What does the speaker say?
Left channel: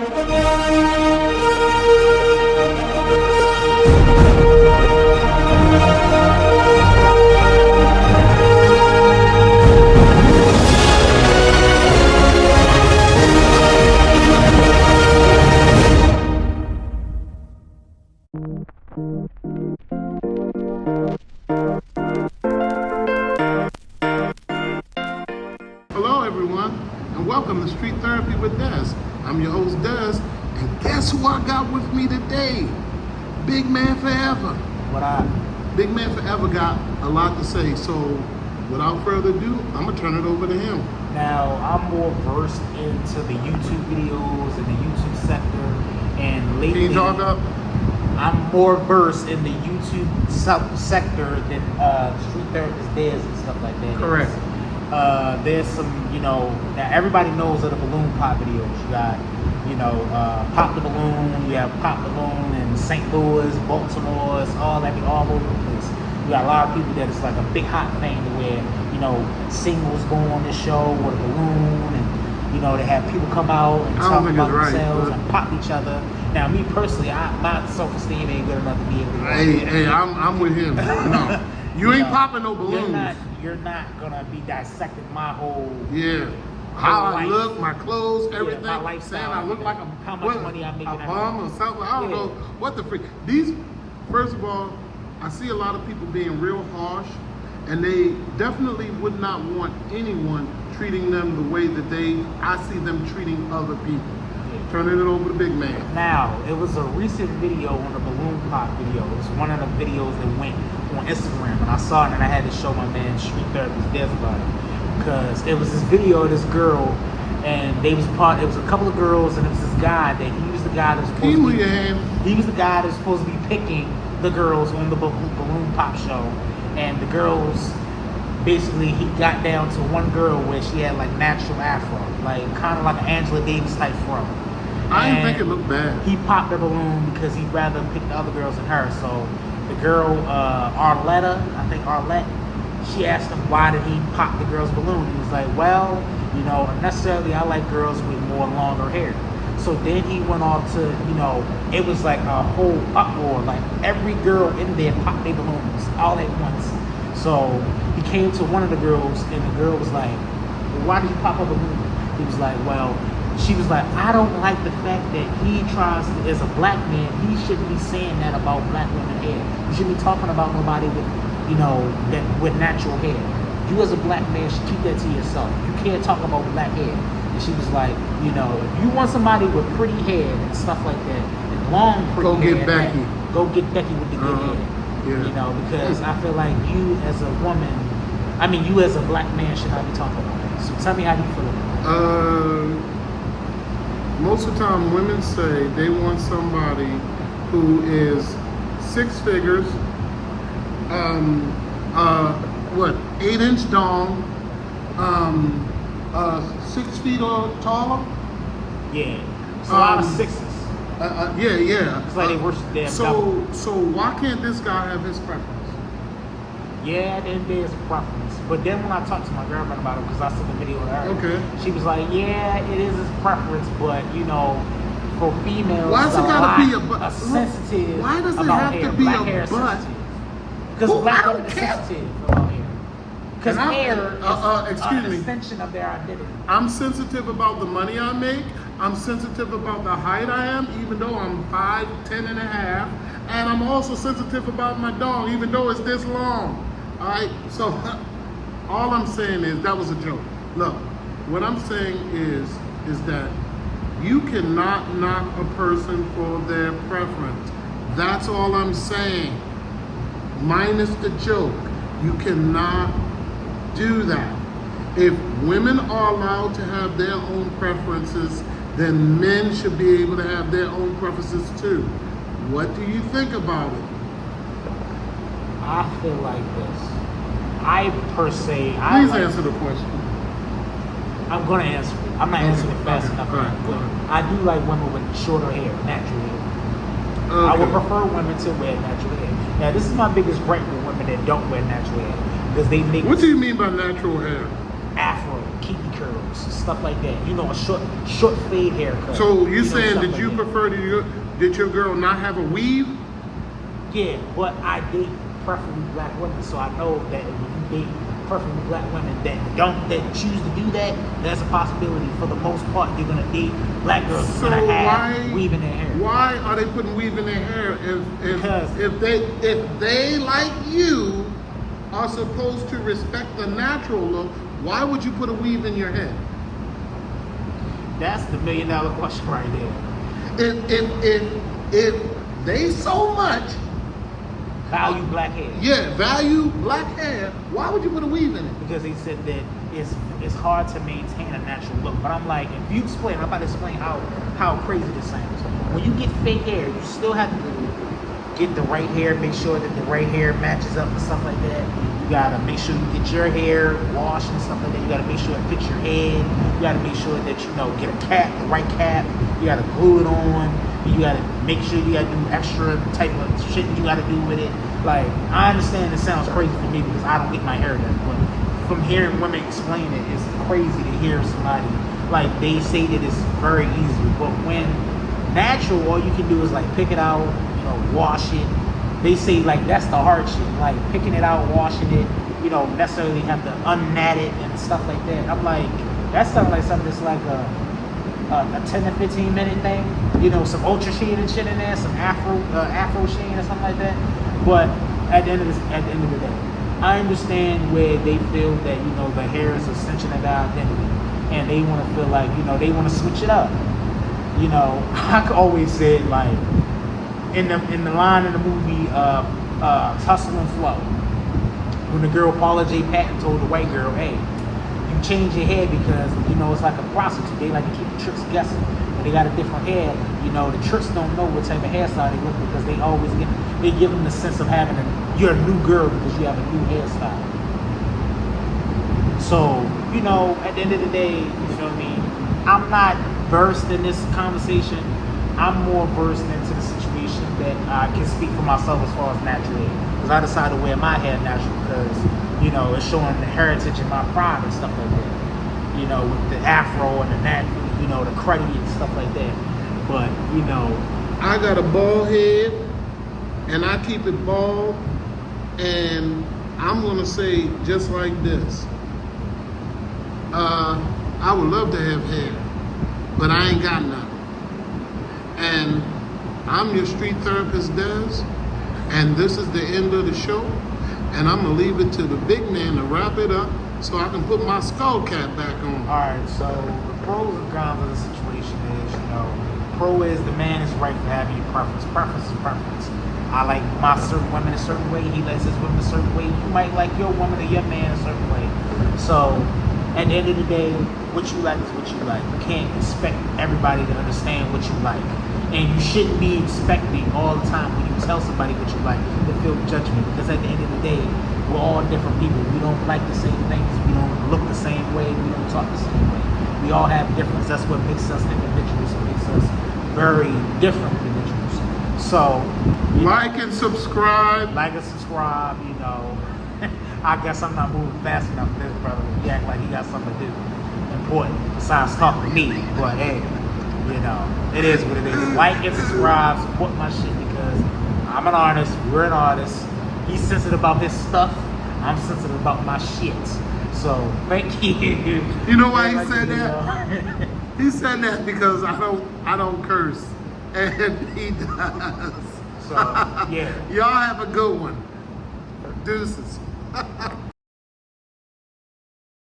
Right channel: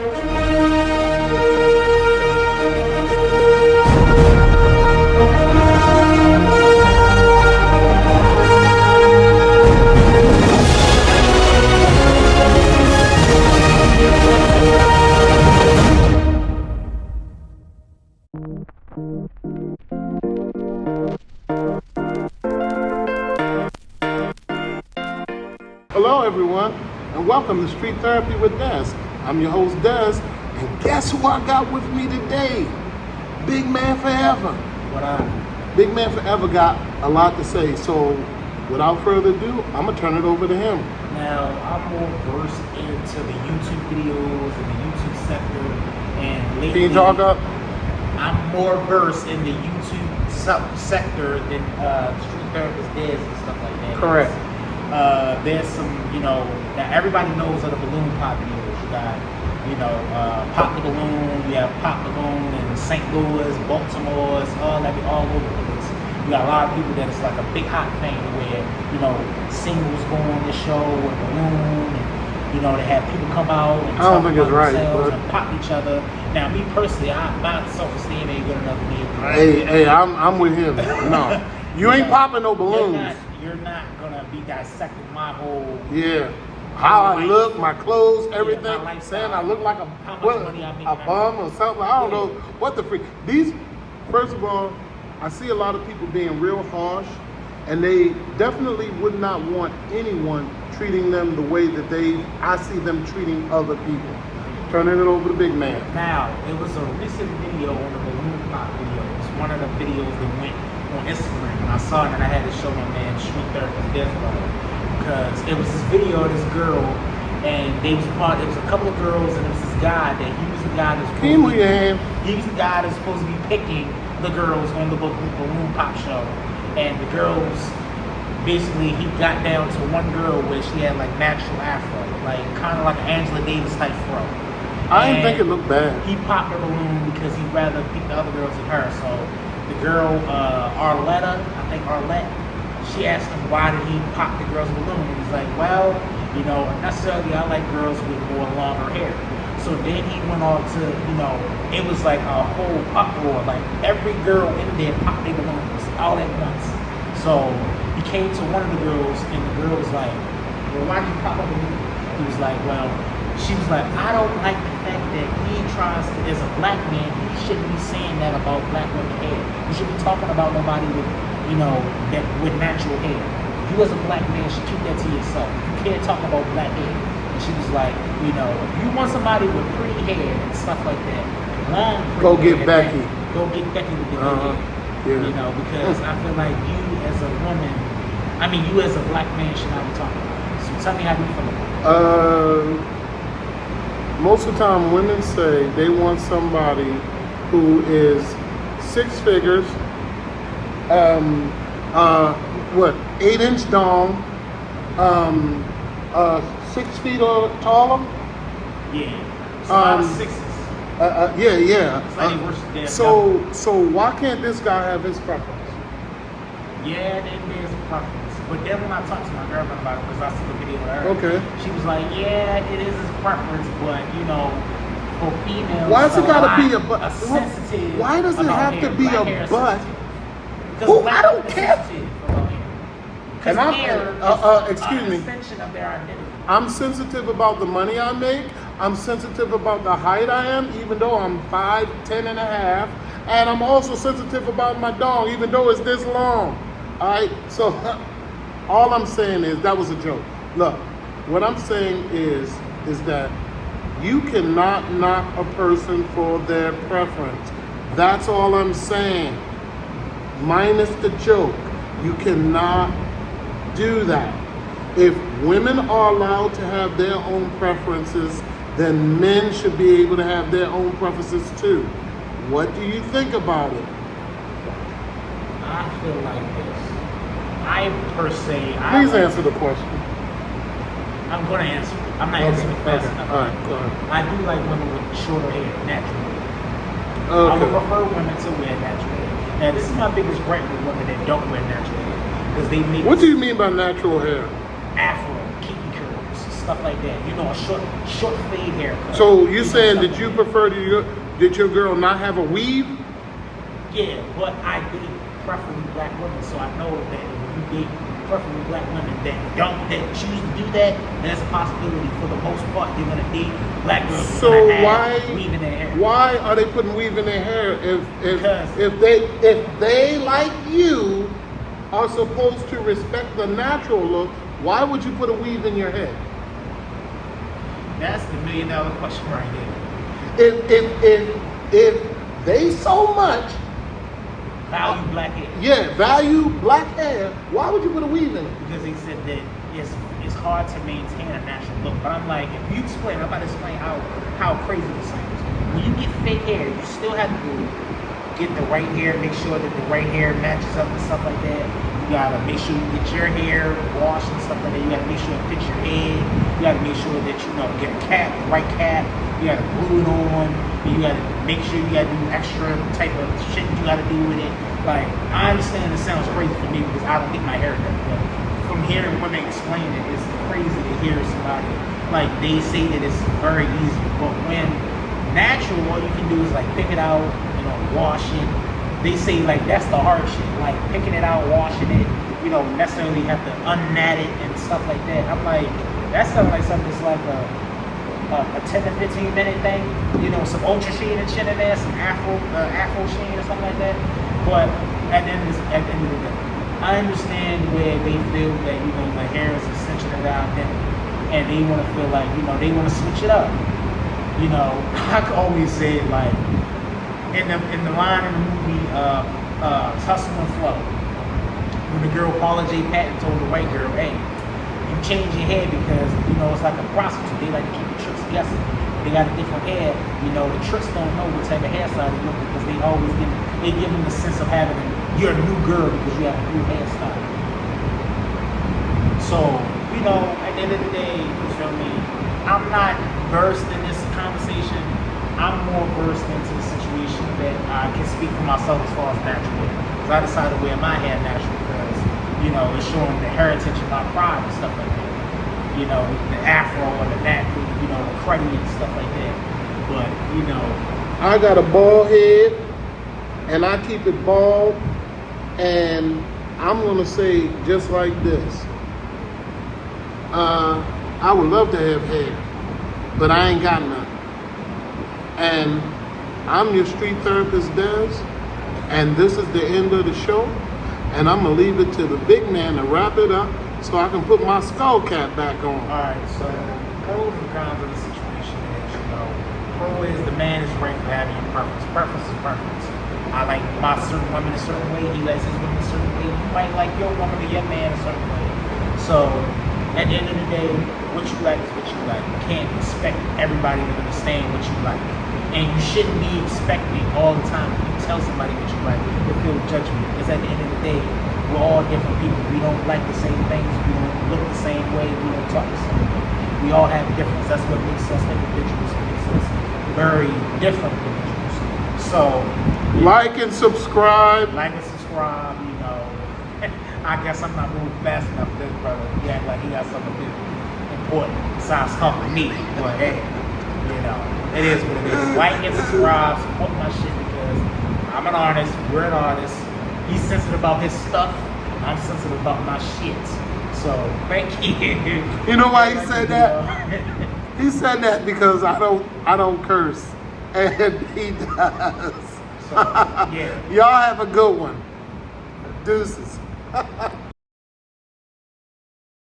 Hello everyone, and welcome to Street Therapy with Des. I'm your host Des, and guess who I got with me today? Bigman4ever. What up? Bigman4ever got a lot to say, so without further ado, I'm gonna turn it over to him. Now, I'm more versed into the YouTube videos and the YouTube sector, and lately, Can you talk up? I'm more versed in the YouTube sector than Street Therapist Des and stuff like that. Correct. There's some, that everybody knows of the balloon pop videos. You got, Pop the Balloon, you have Pop the Balloon in St. Louis, Baltimore, it's all over the place. You got a lot of people that it's like a big hot thing where, singles go on the show with a balloon and, they have people come out and talk about themselves and pop each other. Now, me personally, my self-esteem ain't good enough to be able to Hey, I'm with him. No, you ain't popping no balloons. You're not gonna be dissecting my whole how I life. look, my clothes, everything. My Saying I look like a bum or something. I don't know what the freak. First of all, I see a lot of people being real harsh, and they definitely would not want anyone treating them the way that I see them treating other people. Turning it over to Big Man. Now, it was a recent video on the balloon pop video. It was one of the videos that went on Instagram, and I saw it and I had to show my man Street Therapist Des about it. Because it was this video of this girl, and it was a couple of girls, and it was this guy that he was the guy that's supposed to be picking the girls on the balloon pop show, and the girls, basically he got down to one girl where she had like natural afro, like kind of like an Angela Davis type fro. I didn't think it looked bad. He popped the balloon because he'd rather pick the other girls than her. So the girl, Arlette, she asked him why did he pop the girl's balloon. And he's like, well, necessarily I like girls with more longer hair. So then he went on to, it was like a whole uproar. Like every girl in there popped their balloons all at once. So he came to one of the girls and the girl was like, well, why did you pop a balloon? He was like, well, she was like, I don't like the fact that he tries to, as a black man, he shouldn't be saying that about black women's hair. You shouldn't be talking about nobody with, that with natural hair. You as a black man should keep that to yourself. You can't talk about black hair. And she was like, if you want somebody with pretty hair and stuff like that, long pretty hair, go get Becky with the good hair. Yeah. Because I feel like you as a woman, you as a black man should not be talking about it. So tell me how you feel about it. Most of the time, women say they want somebody who is 6 figures, 8-inch dong, 6 feet or taller. Yeah. It's a lot of sixes. Yeah. It's like they worship their so why can't this guy have his preference? Yeah, there's preference. But then when I talked to my girlfriend about it, because I took a video with her, she was like, yeah, it is his preference, but, for females, why does it gotta be a butt? Sensitive. Why does it have to be a butt? Because I don't care. Because hair is an extension of their identity. I'm sensitive about the money I make. I'm sensitive about the height I am, even though I'm 5'10" and a half. And I'm also sensitive about my dong, even though it's this long. All right, so all I'm saying is that was a joke. Look, what I'm saying is that you cannot knock a person for their preference. That's all I'm saying. Minus the joke. You cannot do that. If women are allowed to have their own preferences, then men should be able to have their own preferences too. What do you think about it? I feel like this. Please answer the question. I'm going to answer it. I'm not answering it fast enough. All right, go ahead. I do like women with shorter hair, natural hair. Okay. I would prefer women to wear natural hair. Now, this is my biggest gripe with women that don't wear natural hair. Because they make... What do you mean by natural hair? Afro. kinky curls, stuff like that. You know, a short fade haircut. So you're saying stuff that like you prefer did your girl not have a weave? Yeah, but I date preferably black women, so I know that when you date preferably black women that choose to do that, there's a possibility for the most part they're gonna date black girls. So why weave in their hair? Why are they putting weave in their hair if they like you are supposed to respect the natural look? Why would you put a weave in your head? That's the $1 million question right there. If they so much value black hair. Yeah, value black hair. Why would you put a weave in it? Because he said that it's hard to maintain a natural look. But I'm like, if you explain, I'm about to explain how crazy this sounds. When you get fake hair, you still have to get the right hair, make sure that the right hair matches up and stuff like that. You gotta make sure you get your hair washed and stuff like that. You gotta make sure it fits your head. You gotta make sure that get a cap, the right cap. You gotta glue it on. You gotta make sure you gotta do extra type of shit you gotta do with it. Like, I understand it sounds crazy for me because I don't get my hair done, but from hearing women explain it, it's crazy to hear somebody, like, they say that it's very easy, but when natural, all you can do is like pick it out, wash it. They say like that's the hard shit, like picking it out, washing it, necessarily have to unnat it and stuff like that. I'm like, that sounds like something that's like a 10 to 15 minute thing, some ultra sheen and shit in there, some afro sheen or something like that. But at the end of the day, I understand where they feel that the hair is essential to their identity, and they want to feel like they want to switch it up. I could always say it like in the line in the movie Hustle and Flow, when the girl Paula J. Patton told the white girl, "Hey, you change your hair because it's like a prostitute. They like to keep the tricks guessing. When they got a different hair, the tricks don't know what type of hairstyle they look because they always give them the sense of having you're a new girl because you have a new hairstyle." So at the end of the day, you feel me? I'm not versed in this conversation. I'm more versed into the situation that I can speak for myself as far as natural hair. Because I decided to wear my hair natural because, it's showing the heritage of my pride and stuff like that. With the afro and the natural, the cruddy and stuff like that. But, I got a bald head and I keep it bald, and I'm going to say just like this. I would love to have hair, but I ain't got none. And I'm your street therapist, Des, and this is the end of the show, and I'm gonna leave it to the big man to wrap it up so I can put my skull cap back on. Alright, so the pros and cons of the situation is, pro is the man is right for having your preference. Preference is preference. I like my certain women a certain way, he likes his women a certain way, you might like your woman or your man a certain way. So at the end of the day, what you like is what you like. You can't expect everybody to understand what you like. And you shouldn't be expecting all the time when you tell somebody what you like to feel judgment. Because at the end of the day, we're all different people. We don't like the same things. We don't look the same way. We don't talk the same way. We all have difference. That's what makes us individuals. It makes us very different individuals. So, like and subscribe. Like and subscribe, I guess I'm not moving fast enough for this brother. He act like he got something to do important besides talking to me. But hey, it is what it is. Like and subscribe, support my shit because I'm an artist, we're an artist. He's sensitive about his stuff. I'm sensitive about my shit. So thank you. You know why he said that? He said that because I don't curse. And he does. So yeah. Y'all have a good one. Deuces.